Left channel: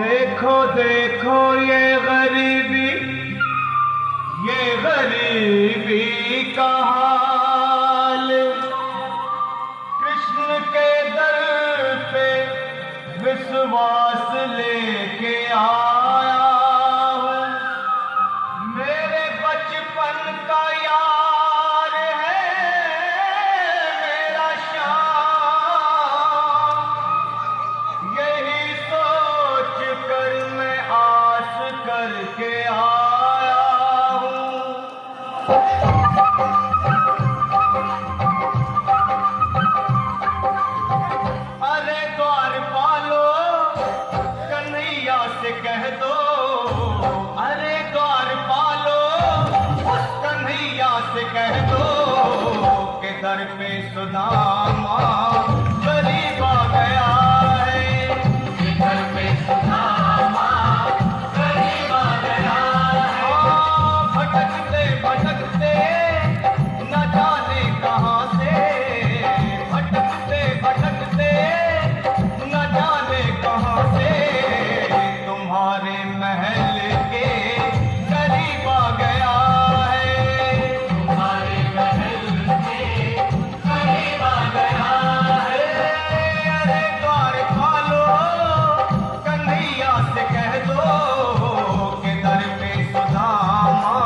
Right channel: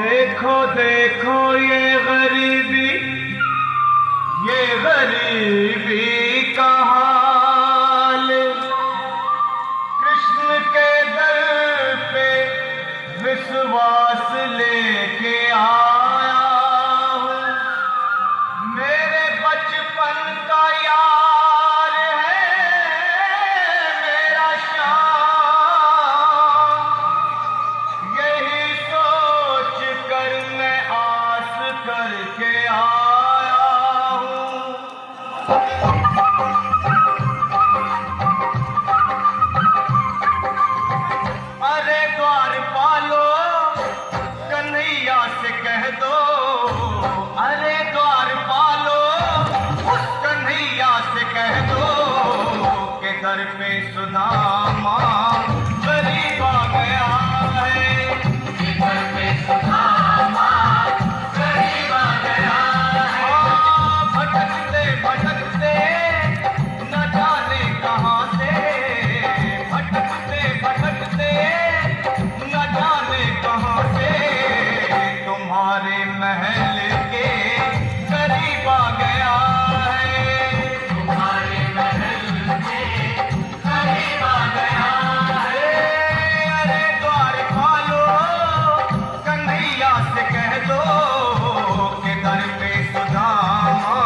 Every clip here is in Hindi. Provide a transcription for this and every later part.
देखो देखो ये गरीबी का हाल। कृष्ण के दर पे विश्वास लेके आया हूँ। मेरे बचपन का यार है मेरा श्याम। यही सोच कर मैं आस करके आया हूँ। अरे द्वारपालो कन्हैया से कह दो, अरे द्वारपालो उस कन्हैया से कह दो कि घर पे सुदामा गरीब आ गया है। कि घर पे सुदामा गरीब आ गया है। भटकते भटकते न जाने कहाँ से, भटकते भटकते न जाने कहाँ से तुम्हारे महल के करीब आ गया है। तुम्हारे महल के करीब आ गया है। अरे द्वारपालो कन्हैया से कह दो कि घर पे सुदामा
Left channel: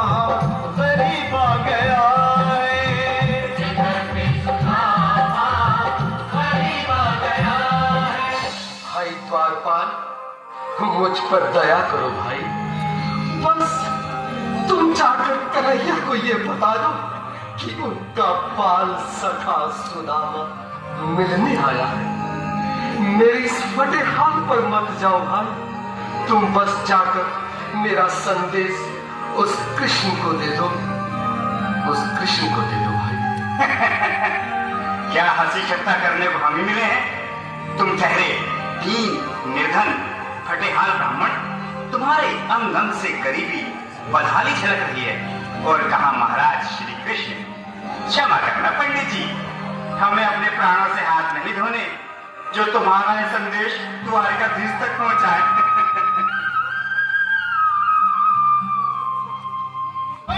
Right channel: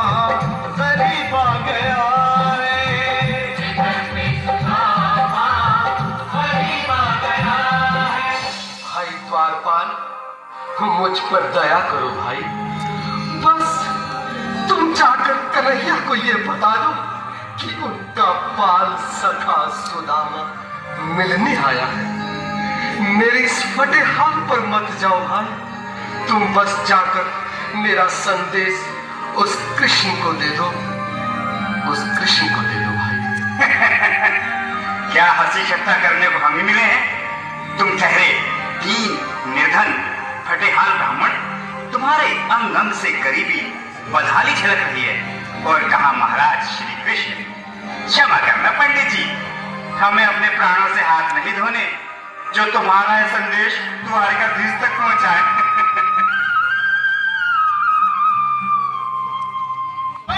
गरीब आ गया है। घर पे सुदामा गरीब आ गया है। भाई द्वारपाल, मुझ पर दया करो भाई। बस तुम जाकर कन्हैया को ये बता दो कि उनका बाल सखा सुदामा मिलने आया है। मेरे इस फटे हाथ पर मत जाओ भाई। तुम बस जाकर मेरा संदेश उस कृष्ण को दे दो, उस कृष्ण को दे दो भाई। क्या हंसी ठट्ठा करने को हम ही मिले हैं? तुम ठहरे दीन निर्धन फटेहाल ब्राह्मण, तुम्हारे अंग अंग से गरीबी बदहाली झलक रही है। और कहा महाराज श्री कृष्ण, क्षमा करना पंडित जी, हमें अपने प्राणों से हाथ नहीं धोने जो तुम्हारा यह संदेश द्वारिकाधीश तक पहुंचाए।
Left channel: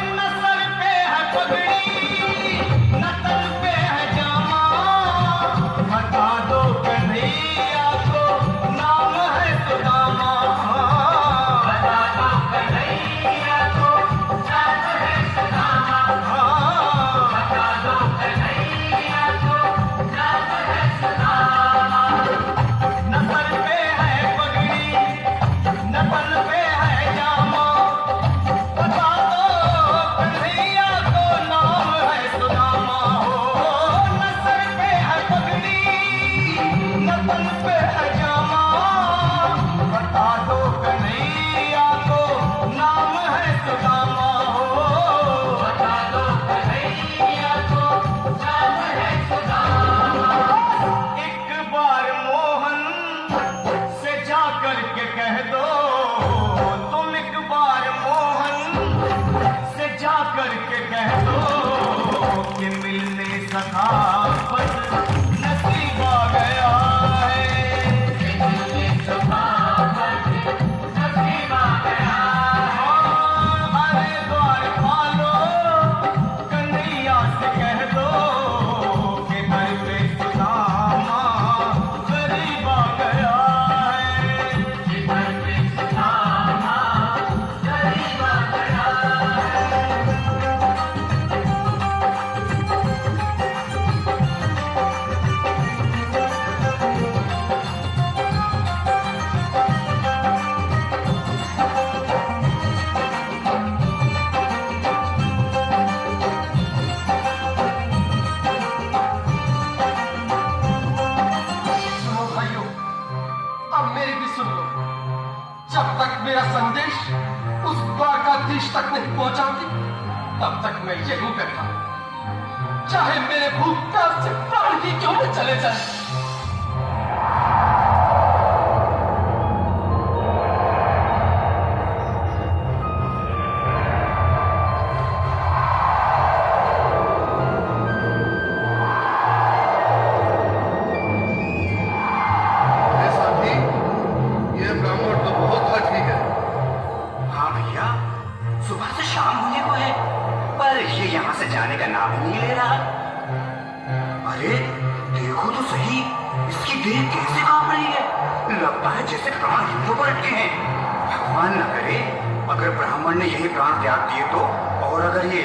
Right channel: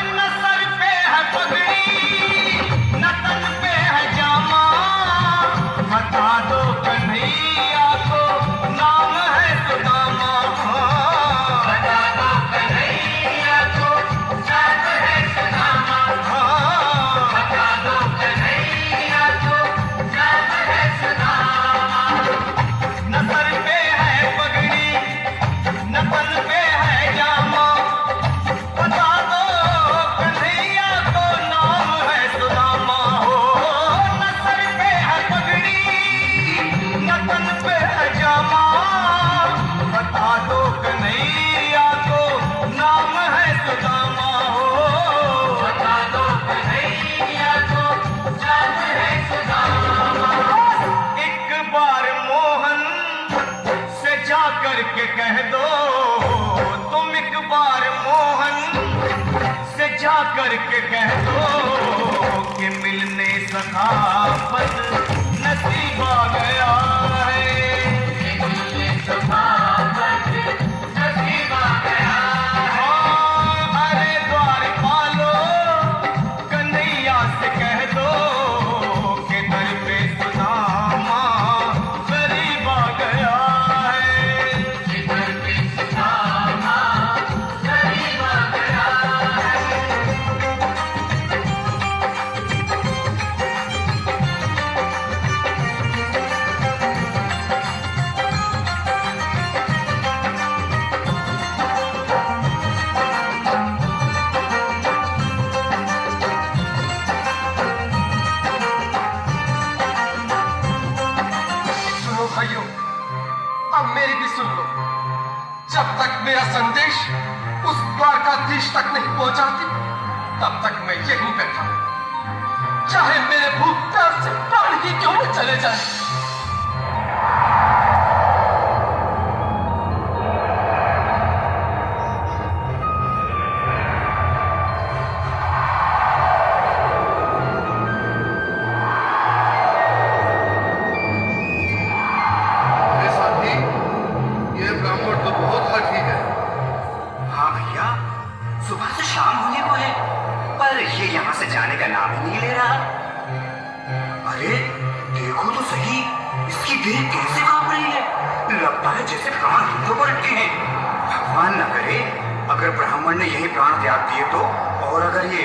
न सर पे है पगड़ी न तन पे है जामा, बता दो कन्हैया को नाम है सुदामा। बता दो कन्हैया को नाम है सुदामा। बता दो कन्हैया को नाम है सुदामा। न सर पे है पगड़ी न तन पे है जामा, बता दो कन्हैया को नाम है सुदामा। हो न सर पे है पगड़ी न तन पे है जामा, बता दो कन्हैया को नाम है सुदामा। हो बता दो कन्हैया को नाम है सुदामा। एक बार मोहन से जा करके कह दो, तुम एक बार मोहन से जा करके कह दो कि मिलने सखावत नसीब आ गया है। मिलने सखावत नसीब आ गया है। अरे द्वारपालो कन्हैया से कह दो कि घर पे सुदामा गरीब आ गया है। कि घर पे सुदामा गरीब आ गया है। सुनो भाइयों, अब मेरी भी सुन लो। जब तक मेरा संदेश उस द्वारकाधीश तक नहीं पहुंचाती, तब तक मैं यहीं बैठा हूं, चाहे मेरे भूख प्यास से प्राण ही क्यों न चले जाए। तो बहुत सही, इसकी देह कैसे कांप रही है? लगता है जैसे प्राण हिंदों पर अटके हैं। भगवान न करे अगर ब्राह्मण ने यही प्राण त्याग दिए तो, और अगर ये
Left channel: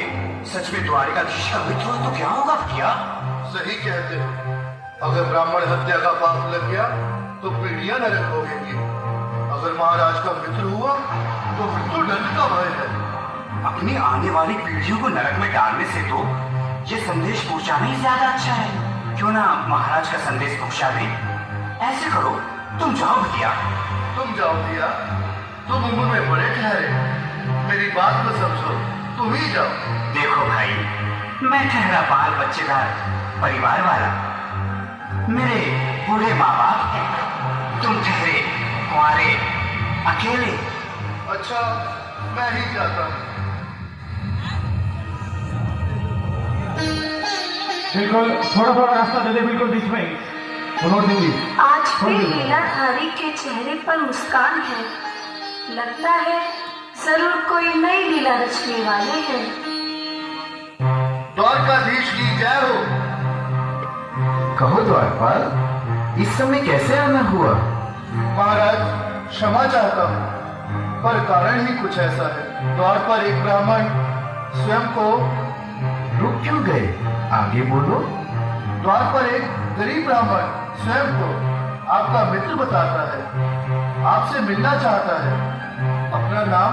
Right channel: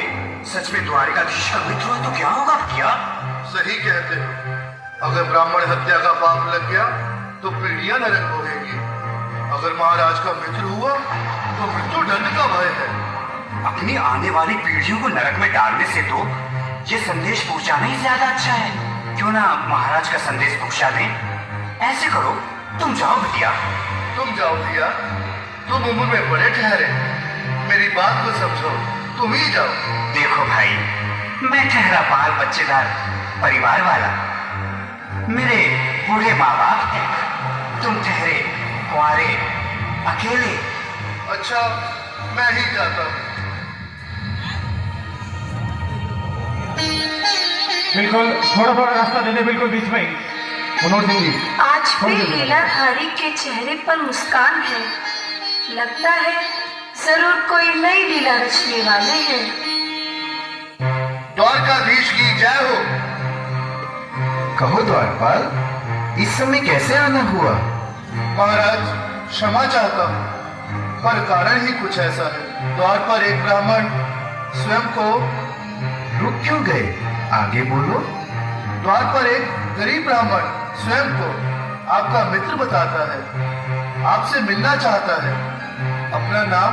सच में द्वारिकाधीश का मित्र हो तो क्या होगा भैया? सही कहते हो। अगर ब्राह्मण हत्या का पाप लग गया तो पीढ़ियां नरक भोगेंगी। अगर महाराज का मित्र हुआ तो मृत्यु दंड का भय है। अपनी आने वाली पीढ़ियों को नरक में डालने से तो ये संदेश पहुंचाना ही ज्यादा अच्छा है। क्यों ना महाराज का संदेश पहुंचा दें? ऐसे करो, तुम जाओ भैया। तुम जाओ भैया, तुम उम्र में बड़े ठहरे, मेरी बात को समझो, तुम ही जाओ। देखो भाई, मैं ठहरा बाल बच्चेदार परिवार वाला, मेरे बूढ़े माँ बाप हैं। तुम ठहरे कुंवारे अकेले। अच्छा, मैं ही जाता हूँ। बिल्कुल थोड़ा थोड़ा रास्ता दे दे, बिल्कुल बीच में। मनोज सिंह जी, आज भी लीलाधारी के चेहरे पर मुस्कान है। लगता है जरूर कोई नई लीला रचने वाले हैं। द्वारकाधीश की जय हो। कहो द्वारपाल, इस समय कैसे आना हुआ? महाराज, क्षमा चाहता हूँ, पर कारण ही कुछ ऐसा है। द्वार पर एक ब्राह्मण स्वयं को रुक क्यों गए? आगे बोलो। द्वार पर एक गरीब ब्राह्मण स्वयं को आपका मित्र बताता है, आपसे मिलना चाहता है। अपना नाम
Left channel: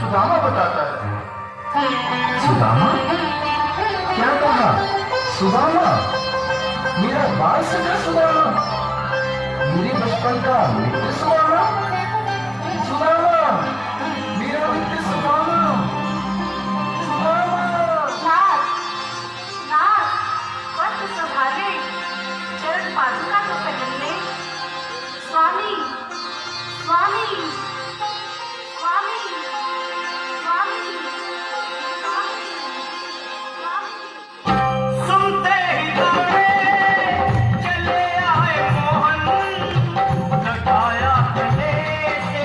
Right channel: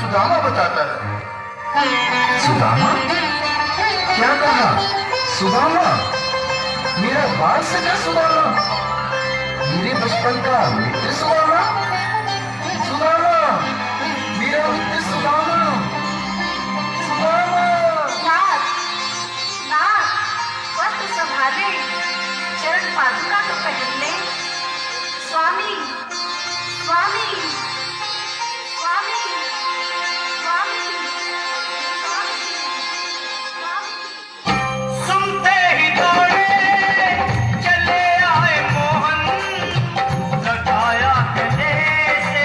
सुदामा बताता है। सुदामा? क्या कहा? सुदामा? मेरा बाल सजा सुदामा? मेरे बचपन का मित्र सुदामा? सुदामा, मेरा मित्र सुदामा? सुदामा! नाथ, नाथ, वक्त संभाले, चरण पादुका तो पहन ले। स्वामी, स्वामी, स्वामी, स्वामी, स्वामी। सुनते ही दौड़े चले आए मोहन, लगाया गले से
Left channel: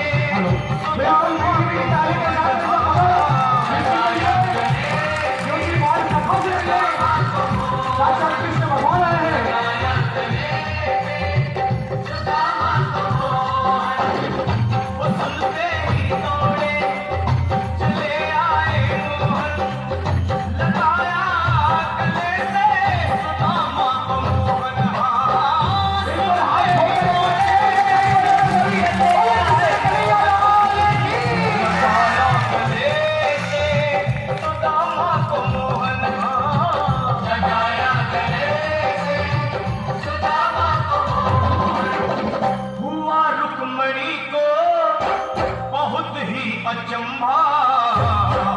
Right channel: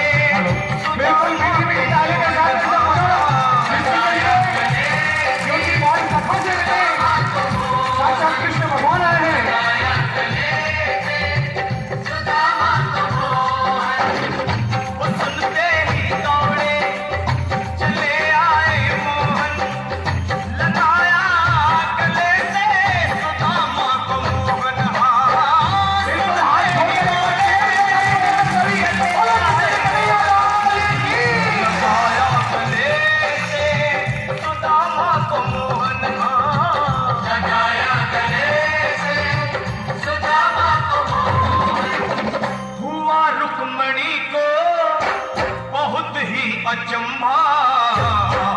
अचंभा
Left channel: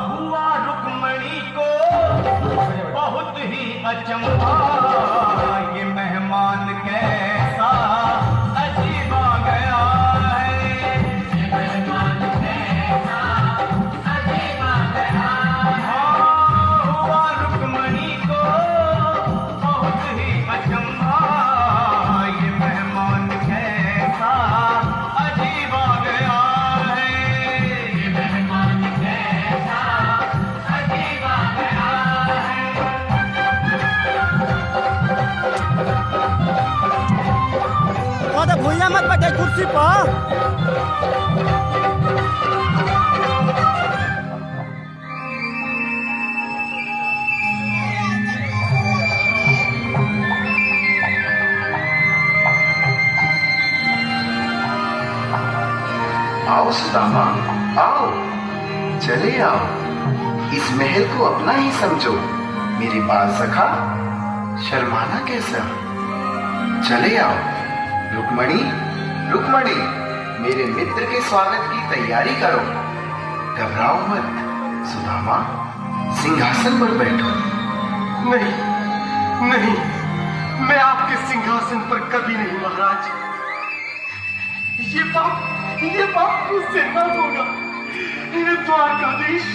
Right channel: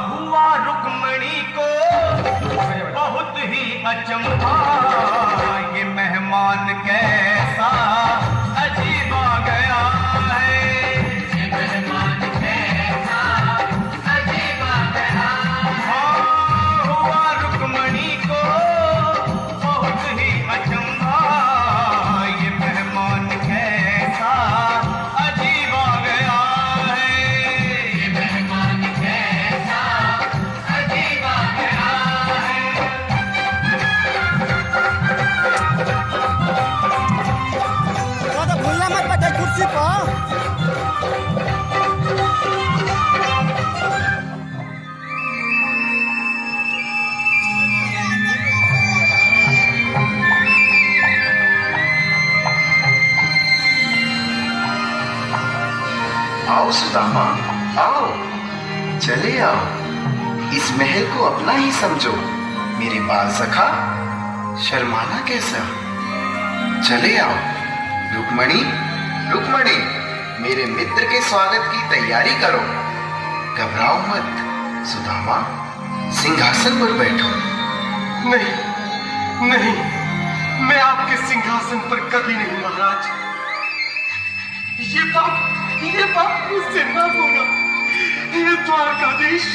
हुआ, रुक्मणी को बहुत ही अचंभा। ये मेहमान कैसा अजीब आ गया है, ये मेहमान कैसा अजीब आ गया। हाँ, हुआ रुक्मणी को बहुत ही अचंभा, ये मेहमान कैसा अजीब आ गया। भूया मत बैठे कुर्सी पर। आओ सुदामा, आओ, चले आओ। इस महल को अपना ही समझो। मेरे बाल सखा, शर्माना कैसा? चले आओ। रुक्मणी, रुक्मणी, मेरे मित्र के स्वागत की तैयारी करो। घबराओ मत। सुदामा, सिंहासन पर बैठो। नहीं, नहीं, मैं आपके सिंहासन पर कभी नहीं महाराज। ये बाप मुझसे ना बोला। ये द्वारकाधीश,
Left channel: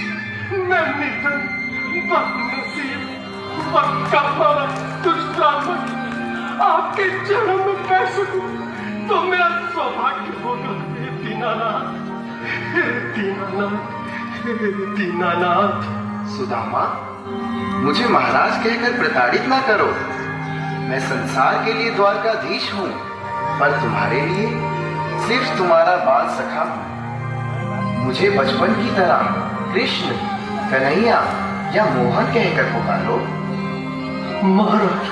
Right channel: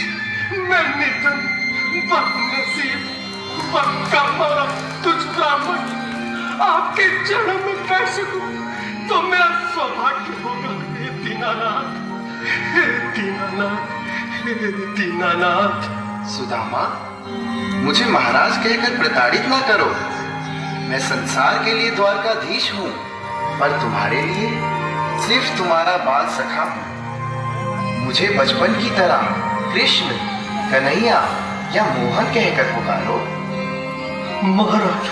मैं निर्धन, बदनसीब, बदकामा, तुझ ब्राह्मण आपके चरणों में बैठ सकूं तो मेरा सौभाग्य होगा। हे दीनानाथ, हे दीनानाथ, हे दीनानाथ। सुदामा, मुझे महाराज कहकर प्रताड़ित ना करो। मैं संसार के लिए द्वारकाधीश हूँ, पर तुम्हारे लिए सिर्फ तुम्हारा बाल सखा हूँ। मुझे बचपन की तरह कृष्ण, कन्हैया या मोहन कहकर पुकारो। महाराज